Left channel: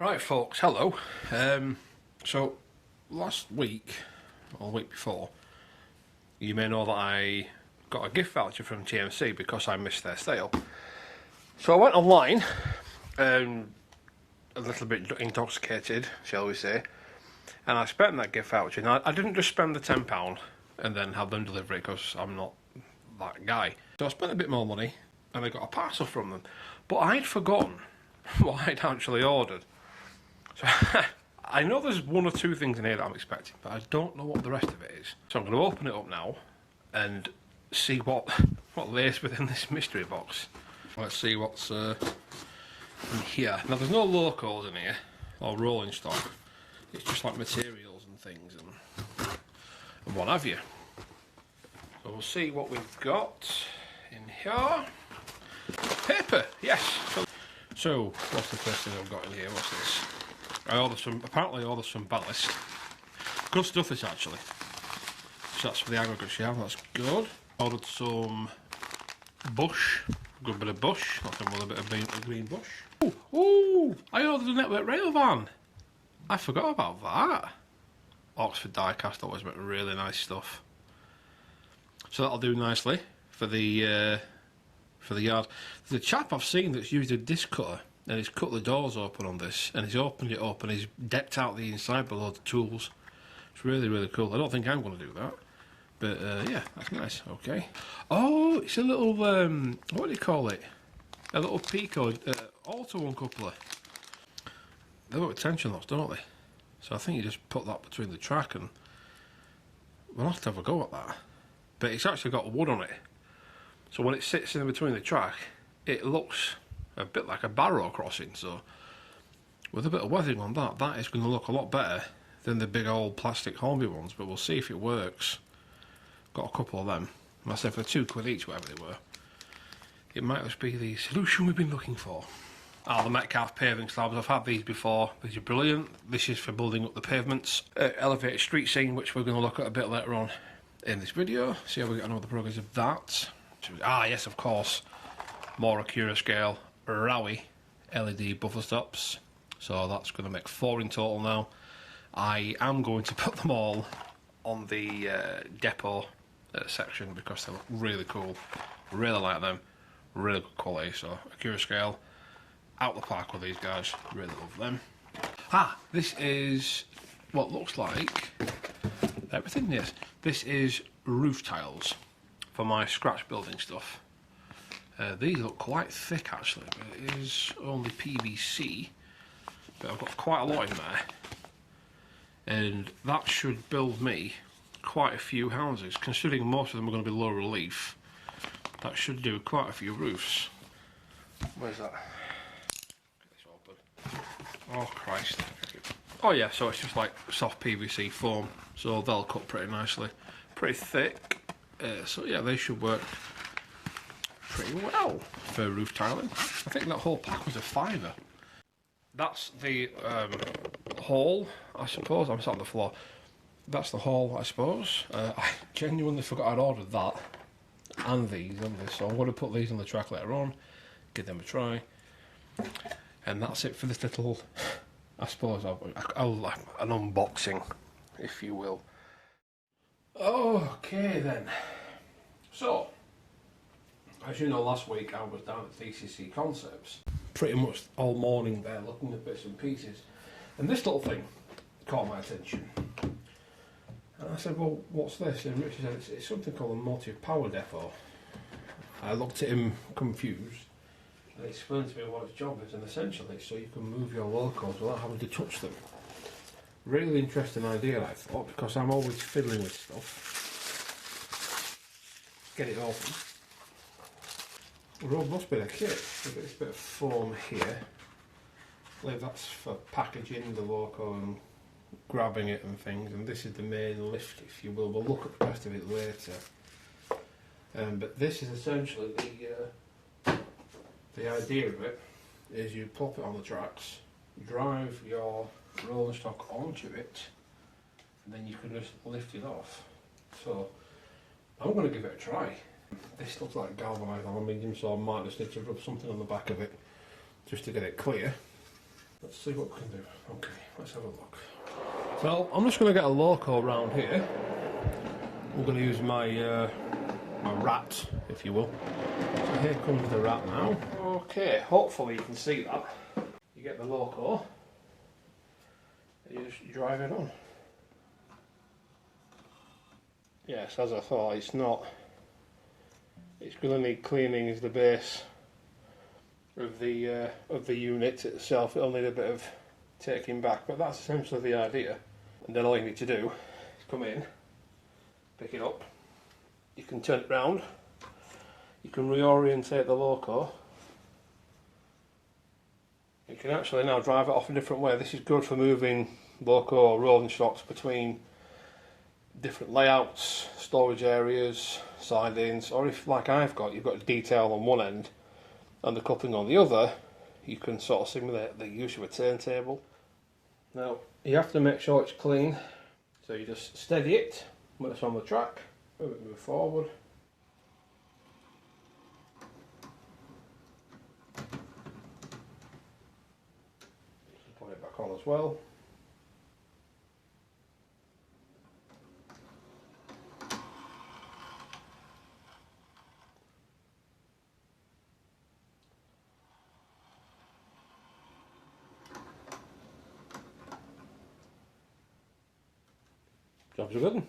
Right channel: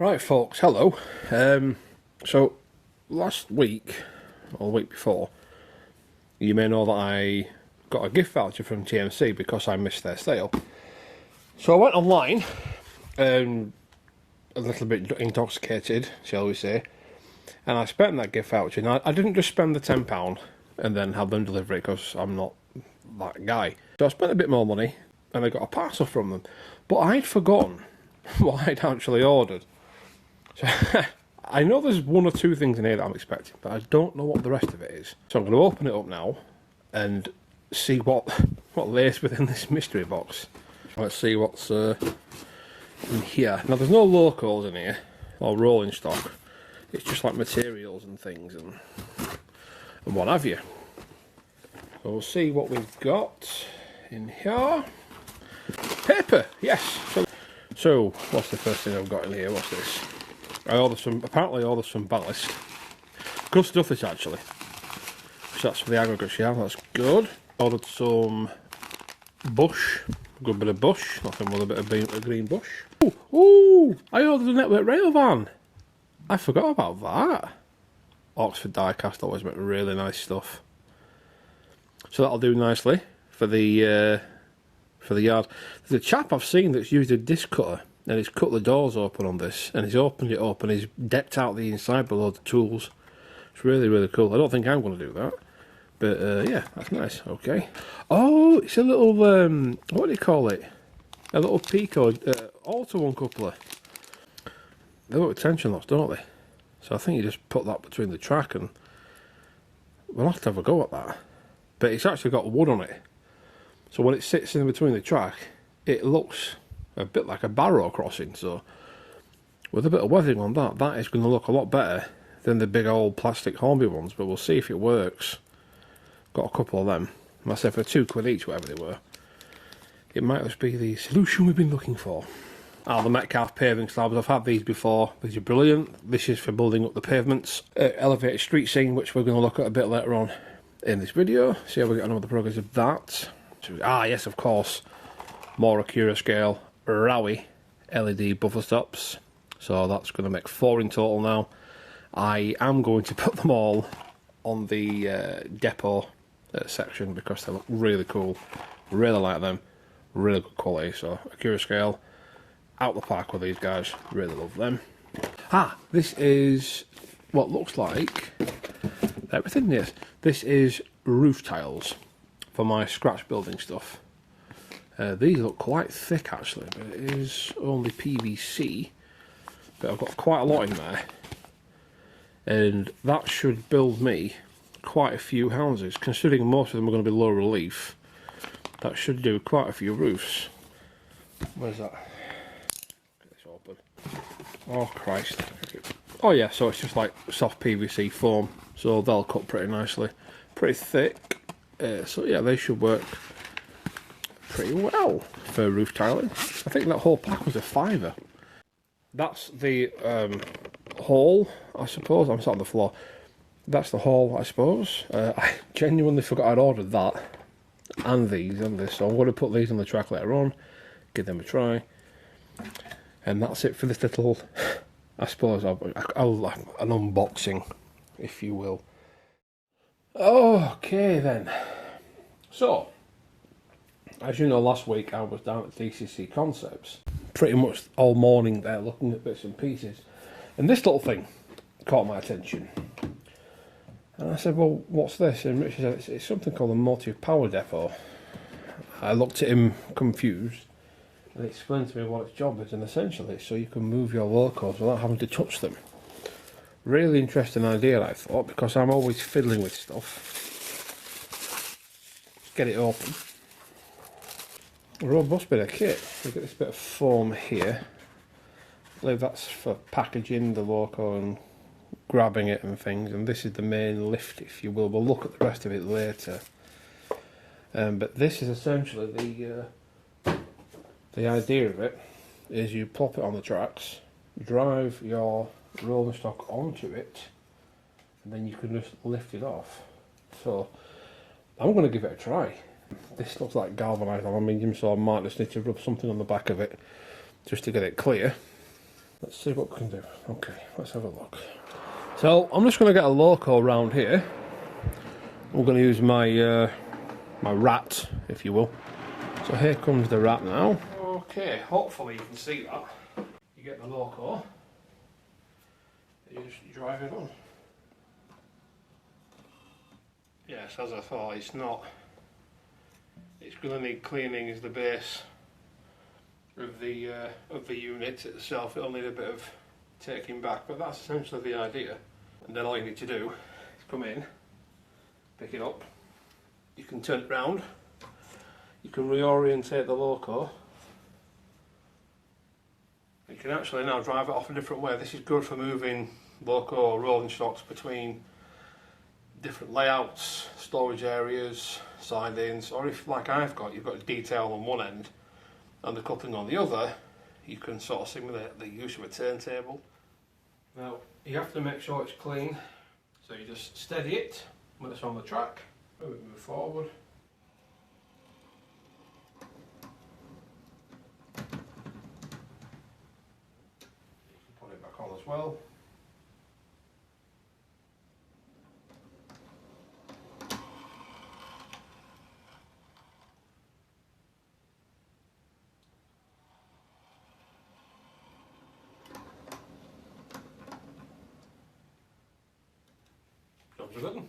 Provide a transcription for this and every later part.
Right folks, hello. So last week, or the week before, you may know that I got a gift voucher from TMC because I missed their sale. So I went online, a little bit intoxicated, shall we say, and I spent that gift voucher. Now, I didn't just spend the £10 and then have them deliver it because I'm not that guy. So I spent a bit more money and I got a parcel from them. But I'd forgotten what I'd actually ordered. So I know there's one or two things in here that I'm expecting, but I don't know what the rest of it is. So I'm going to open it up now and see what lays within this mystery box. Let's see what's in here. Now there's no locals in here, or rolling stock. It's just like materials and things and what have you. So we'll see what we've got in here. Paper, yes. So what's the first thing I've got in here? What's this? Apparently ordered some ballast. Good stuff this actually. So that's for the aggregates, yeah, that's good. Ordered some bush, a good bit of bush, nothing with a bit of green bush. Ooh, I ordered a network rail van. I forgot about that. Oxford die-cast always make really nice stuff. So that'll do nicely for the yard. There's a chap I've seen that's used a disc cutter and he's cut the doors open on this and he's opened it up and he's decked out the inside with all the tools. It's really, really cool. I don't think I'm going to do that, but yeah, that's nice. Okay. Oh, it's a little what do you call it? A little Pico auto uncoupler. They look at tension locks, don't they? So I think you just put that between the track and we'll have to have a go at that. But it's actually got wood on it, so when it sits in between the track, it looks a bit like a barrow crossing. So with a bit of weathering on that, that is going to look a lot better than the big old plastic Hornby ones. But we'll see if it works. Got a couple of them. I said for £2 each, whatever they were. It might just be the solution we've been looking for. The Metcalf Paving slabs. I've had these before. These are brilliant. This is for building up the pavements. Elevated street scene, which we're going to look at a bit later on in this video. See how we get on with the progress of that. Yes, of course. More Acura scale Rowie LED buffer stops. So that's going to make 4 in total now. I am going to put them all on the depot section because they look really cool. Really like them. Really good quality. So Acura scale, out the park with these guys. Really love them. This is what looks like everything. Yes, this is roof tiles for my scratch building stuff. These look quite thick actually, but it is only PVC. But I've got quite a lot in there, and that should build me quite a few houses. Considering most of them are going to be low relief, that should do quite a few roofs. Where's that? Get this open. Oh Christ! Oh yeah, so it's just like soft PVC foam, so they'll cut pretty nicely, pretty thick. So yeah, they should work pretty well for roof tiling. I think that whole pack was £5. That's the haul, I suppose. I'm sat on the floor. That's the haul, I suppose. I genuinely forgot I'd ordered that and these and this, so I'm going to put these on the track later on, give them a try, and that's it for this little, I suppose, an unboxing, if you will. Okay then. So, as you know, last week I was down at DCC Concepts, pretty much all morning there looking at bits and pieces, and this little thing caught my attention. And I said, well, what's this? And Richard said, it's something called a motive power depot. I looked at him confused, and he explained to me what its job is, and essentially so you can move your locos without having to touch them. Really interesting idea, I thought, because I'm always fiddling with stuff. Get it open. A robust bit of kit. We've got this bit of foam here. I believe that's for packaging the loco and grabbing it and things, and this is the main lift, if you will. We'll look at the rest of it later. But this is essentially the idea of it is you plop it on the tracks, drive your rolling stock onto it, and then you can just lift it off. So I'm going to give it a try. This looks like galvanised aluminium, so I might just need to rub something on the back of it just to get it clear. Let's see what we can do. Okay, let's have a look. So I'm just going to get a loco round here. We're going to use my my rat, if you will. So here comes the rat now. Okay, hopefully you can see that. You get the loco, you just drive it on. Yes, as I thought, it's not. It's going to need cleaning as the base of the unit itself. It'll need a bit of taking back, but that's essentially the idea. And then all you need to do is come in, pick it up. You can turn it round. You can reorientate the loco. You can actually now drive it off a different way. This is good for moving loco or rolling stocks between different layouts, storage areas, sidings, or if, like I've got, you've got a detail on one end and the coupling on the other, you can sort of simulate the use of a turntable. Now, you have to make sure it's clean, so you just steady it when it's on the track, move forward. You can put it back on as well. Jobs are good.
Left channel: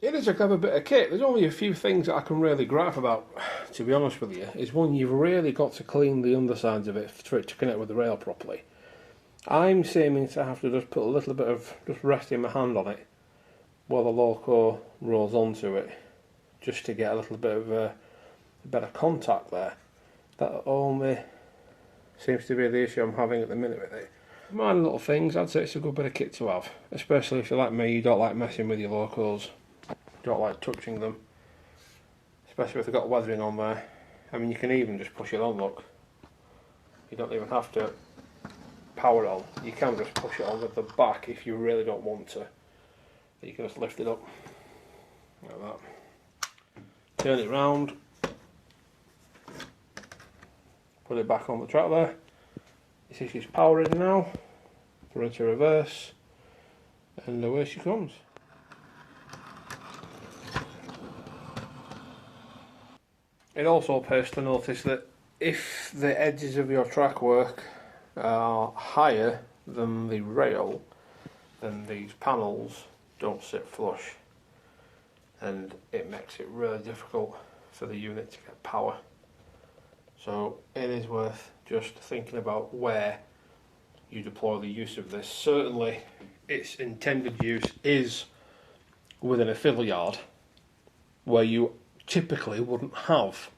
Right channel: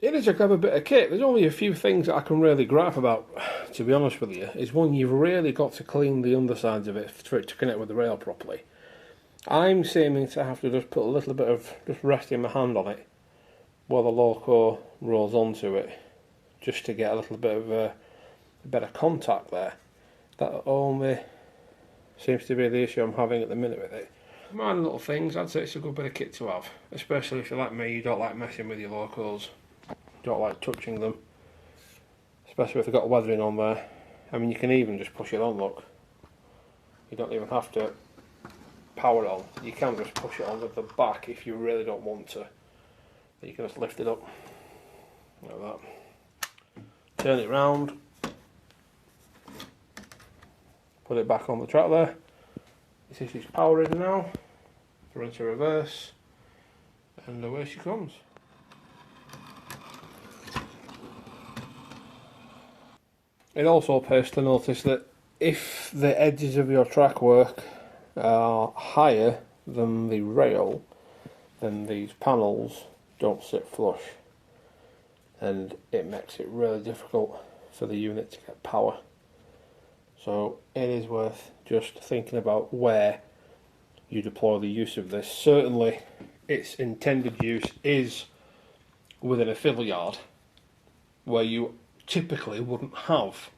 It is a clever bit of kit. There's only a few things that I can really gripe about, to be honest with you. Is one, you've really got to clean the undersides of it for it to connect with the rail properly. I'm seeming to have to just put a little bit of just resting my hand on it while the loco rolls onto it, just to get a little bit of a better contact there. That only seems to be the issue I'm having at the minute with it. Minor little things, I'd say it's a good bit of kit to have, especially if you're like me, you don't like messing with your locos, you don't like touching them, especially if they've got weathering on there. I mean, you can even just push it on, look. You don't even have to power it on, you can just push it on with the back if you really don't want to. You can just lift it up, like that. Turn it round, put it back on the track there. You see she's powering now, run to reverse, and away she comes. It also pays to notice that if the edges of your track work are higher than the rail, then these panels don't sit flush, and it makes it really difficult for the unit to get power. So it is worth just thinking about where you deploy the use of this. Certainly its intended use is within a fill yard, where you typically wouldn't have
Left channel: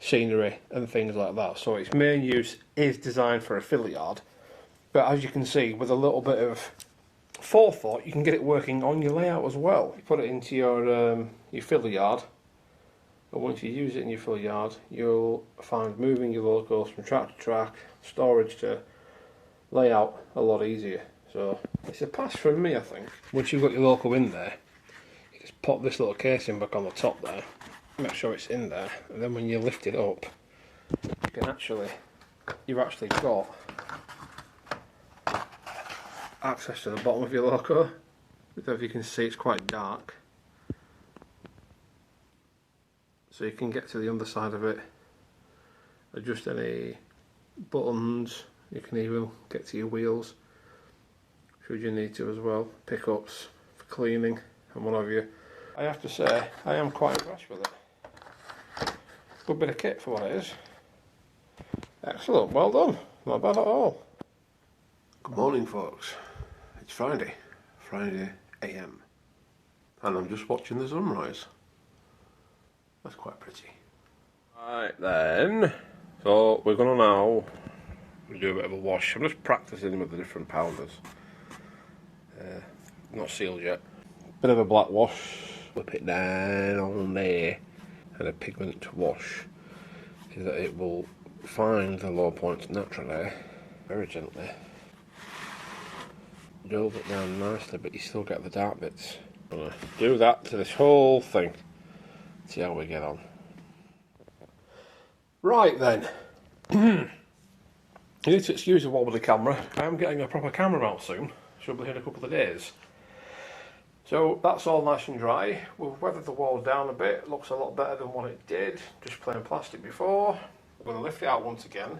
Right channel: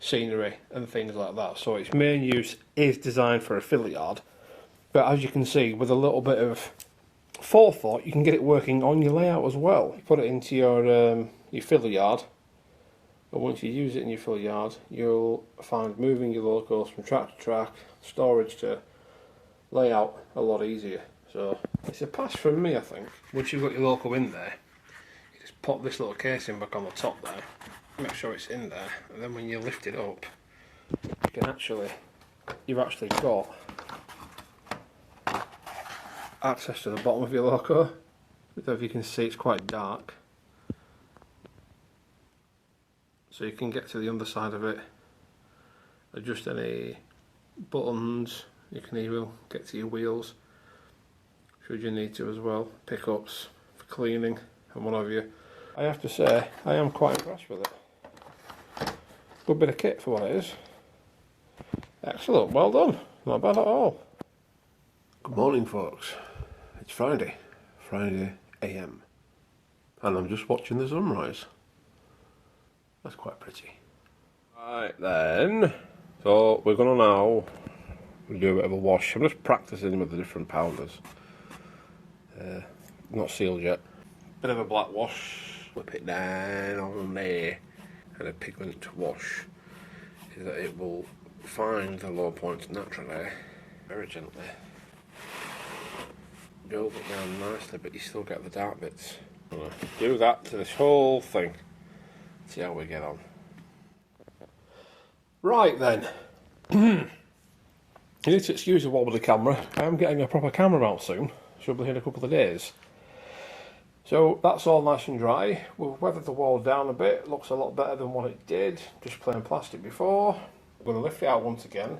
scenery and things like that. So its main use is designed for a fill yard, but as you can see, with a little bit of forethought, you can get it working on your layout as well. Put it into your fill yard. But once you use it in your fill yard, you'll find moving your locos from track to track, storage to layout a lot easier. So it's a pass from me, I think. Once you've got your loco in there, you just pop this little casing back on the top there, make sure it's in there, and then when you lift it up, you've actually got access to the bottom of your loco. If you can see, it's quite dark. So you can get to the underside of it, adjust any buttons, you can even get to your wheels, should you need to as well, pickups for cleaning and what have you. I have to say, I am quite impressed with it. Good bit of kit for what it is. Excellent, well done, not bad at all. Good morning folks, it's Friday AM, and I'm just watching the sunrise. That's quite pretty. Right then, so we're going to now do a bit of a wash. I'm just practicing with the different pounders. Not sealed yet. Bit of a black wash, whip it down on there, and a pigment wash is that it will find the low points naturally, very gently. Build it down nicely, but you still get the dark bits. I'm going to do that to this whole thing. See how we get on. Right then. You need to excuse the wobbly camera. I am getting a proper camera mount soon. Should be here in a couple of days. So that's all nice and dry. We've weathered the wall down a bit. Looks a lot better than what it did. Just plain plastic before. We're going to lift it out once again.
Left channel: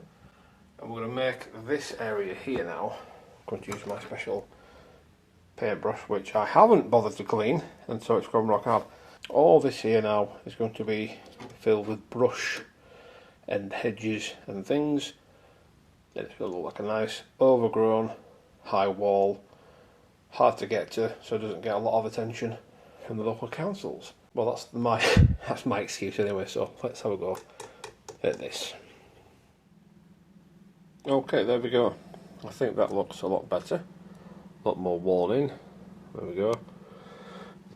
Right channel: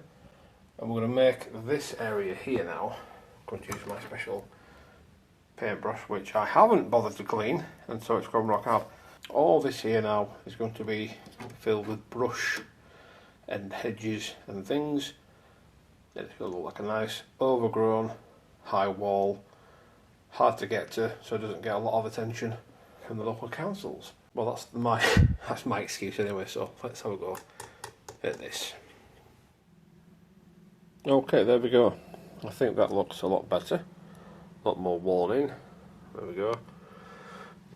And we're going to make this area here now. I'm going to use my special paintbrush, which I haven't bothered to clean. And so it's gone rock hard. All this here now is going to be filled with brush and hedges and things. And it's going to look like a nice overgrown high wall. Hard to get to, so it doesn't get a lot of attention from the local councils. Well, that's my excuse anyway, so let's have a go at this. Okay, there we go. I think that looks a lot better. A lot more wall in. There we go.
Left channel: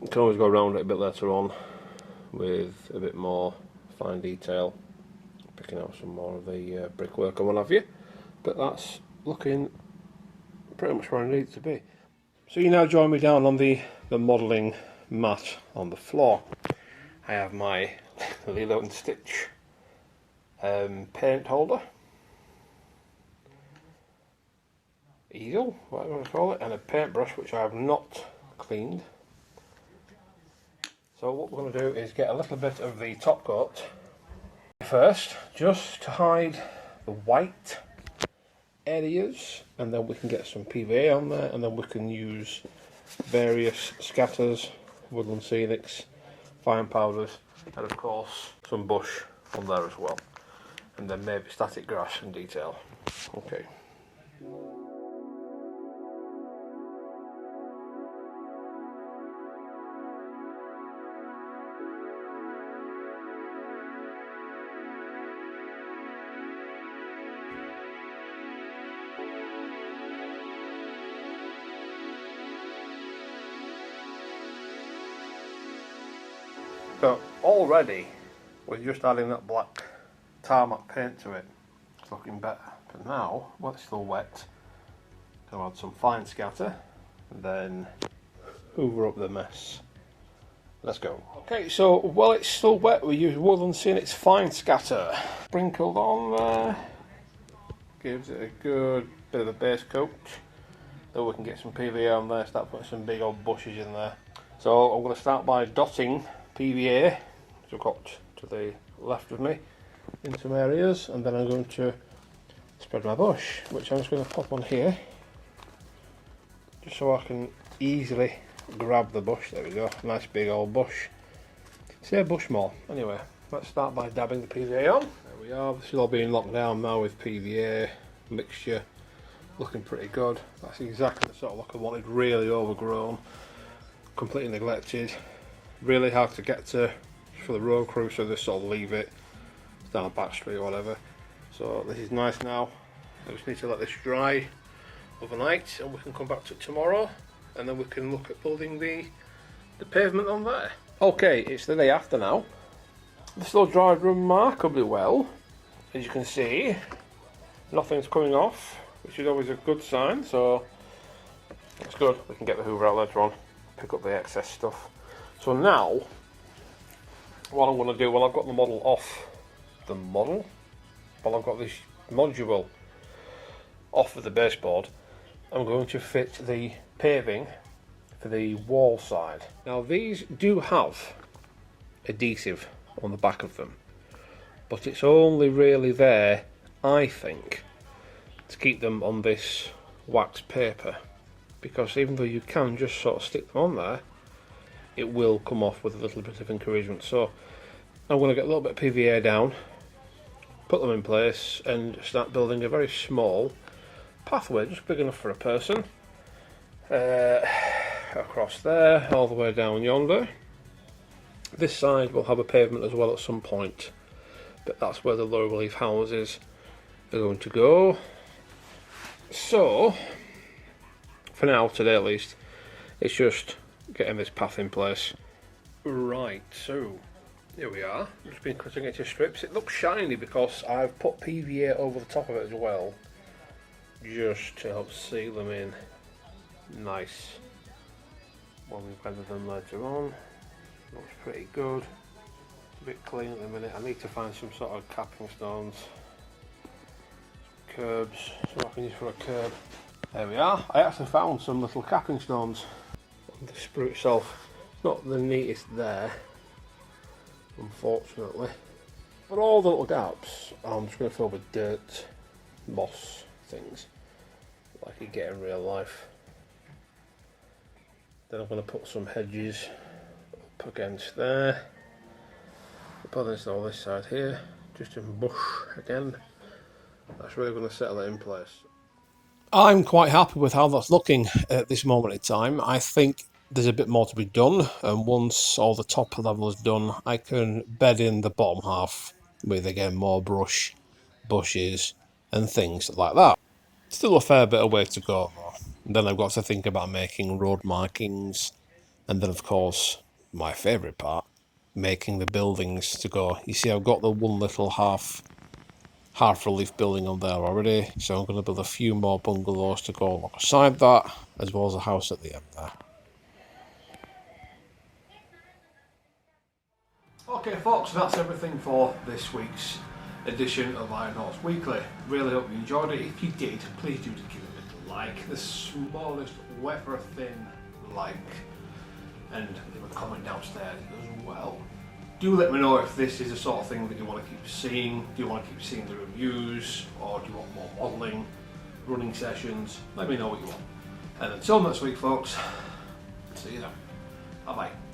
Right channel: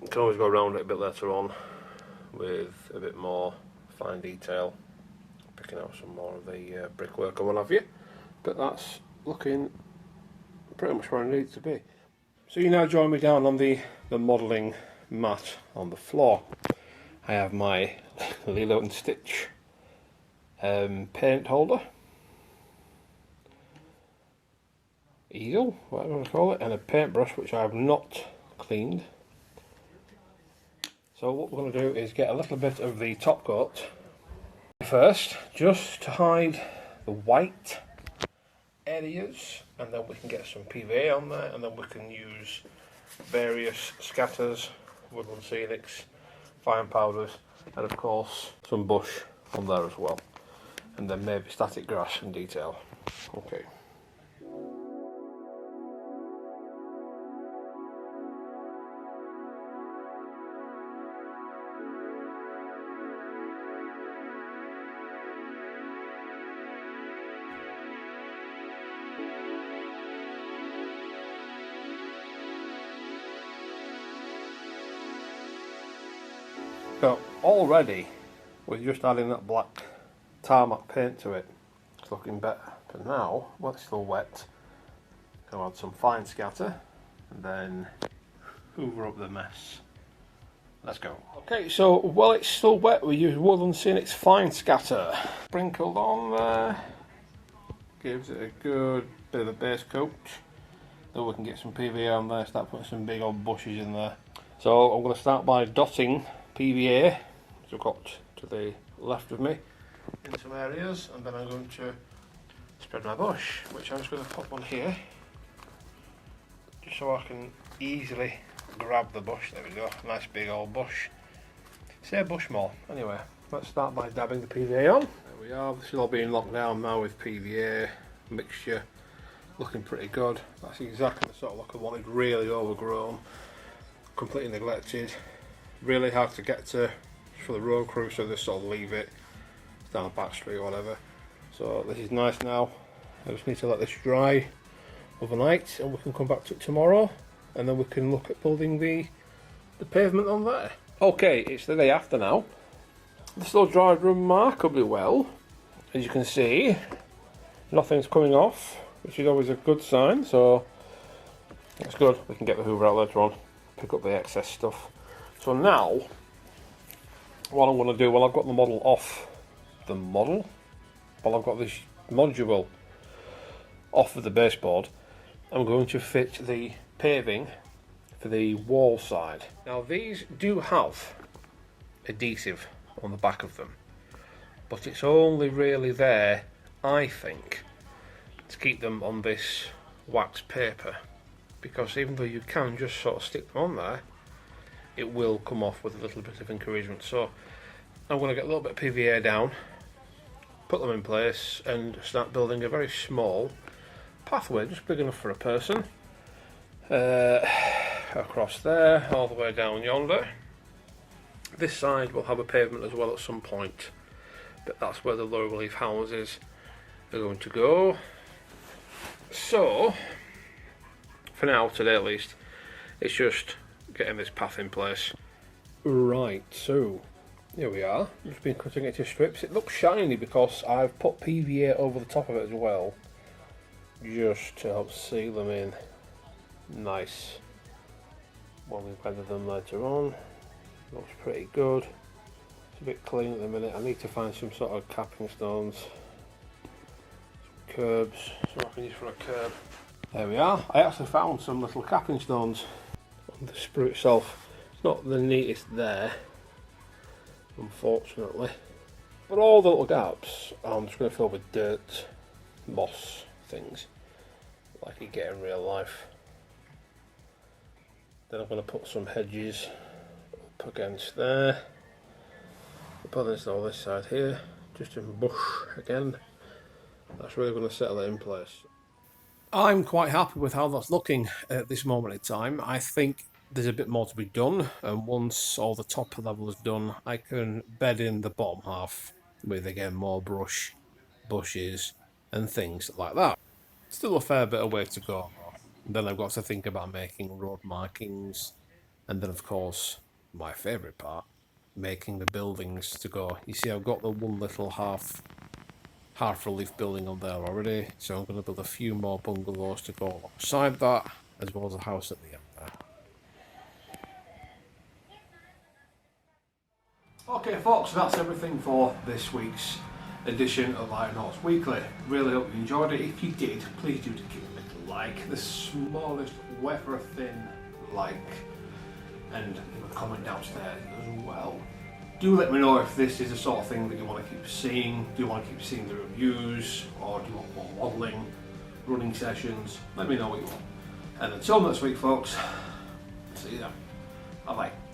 You can always go around it a bit later on with a bit more fine detail, picking out some more of the brickwork and what have you. But that's looking pretty much where I need it to be. So you now join me down on the modelling mat on the floor. I have my Lilo and Stitch paint holder, easel, whatever you want to call it, and a paintbrush which I have not cleaned. So what we're going to do is get a little bit of the top coat first, just to hide the white areas, and then we can get some PVA on there, and then we can use various scatters, woodland scenics, fine powders, and of course some bush on there as well, and then maybe static grass and detail. Okay. So already we're just adding that black tarmac paint to it. It's looking better. But now, while it's still wet, I'll add some fine scatter and then hoover up the mess. Let's go. Okay, so while it's still wet, we use Woodland Scenics fine scatter. Sprinkled on there. Gives it a good bit of a base coat. Then we can get some PVA on there, start putting some big old bushes in there. So I'm going to start by dotting PVA, which I've got to the left of me, in some areas, and then I'm going to spread my bush, which I'm just going to pop on here, just so I can easily grab the bush. There we go, nice big old bush. Say bush more. Anyway, let's start by dabbing the PVA on. There we are, this is all being locked down now with PVA mixture, looking pretty good. That's exactly the sort of look I wanted, really overgrown, completely neglected. Really hard to get to for the road crew, so they sort of leave it down a back street or whatever. So this is nice now. I just need to let this dry overnight and we can come back to it tomorrow, and then we can look at building the pavement on there. Okay, it's the day after now. This all dried remarkably well. As you can see, nothing's coming off, which is always a good sign, so that's good. We can get the hoover out later on, pick up the excess stuff. So now, what I'm going to do, well, I've got the model off the model, well, I've got this module off of the baseboard. I'm going to fit the paving for the wall side. Now these do have adhesive on the back of them, but it's only really there, I think, to keep them on this wax paper, because even though you can just sort of stick them on there, it will come off with a little bit of encouragement. So I'm going to get a little bit of PVA down, put them in place, and start building a very small pathway, just big enough for a person, across there, all the way down yonder. This side will have a pavement as well at some point, but that's where the low relief houses are going to go. So for now, today at least, it's just getting this path in place. Right, so here we are. Just been cutting it to strips. It looks shiny because I've put PVA over the top of it as well, just to help seal them in nice when we weather them later on. Looks pretty good. It's a bit clean at the minute. I need to find some sort of capping stones, curbs, so I can use for a curb. There we are. I actually found some little capping stones on the sprue itself. It's not the neatest there, unfortunately. But all the little gaps, I'm just going to fill with dirt, moss, things, like you get in real life. Then I'm going to put some hedges up against there. Put this on this side here, just in bush again. That's really going to settle it in place. I'm quite happy with how that's looking at this moment in time. I think there's a bit more to be done, and once all the top level is done, I can bed in the bottom half with, again, more brush, bushes, and things like that. Still a fair bit of way to go, though. And then I've got to think about making road markings, and then, of course, my favourite part, making the buildings to go. You see, I've got the one little half relief building on there already, so I'm going to build a few more bungalows to go alongside that, as well as a house at the end there. Okay folks, that's everything for this week's edition of Iron Horse Weekly. Really hope you enjoyed it. If you did, please do give it a little like, the smallest wafer thin like, and leave a comment downstairs as well. Do let me know if this is the sort of thing that you want to keep seeing. Do you want to keep seeing the reviews, or do you want more modelling, running sessions? Let me know what you want. And until next week folks, see you then. Bye bye.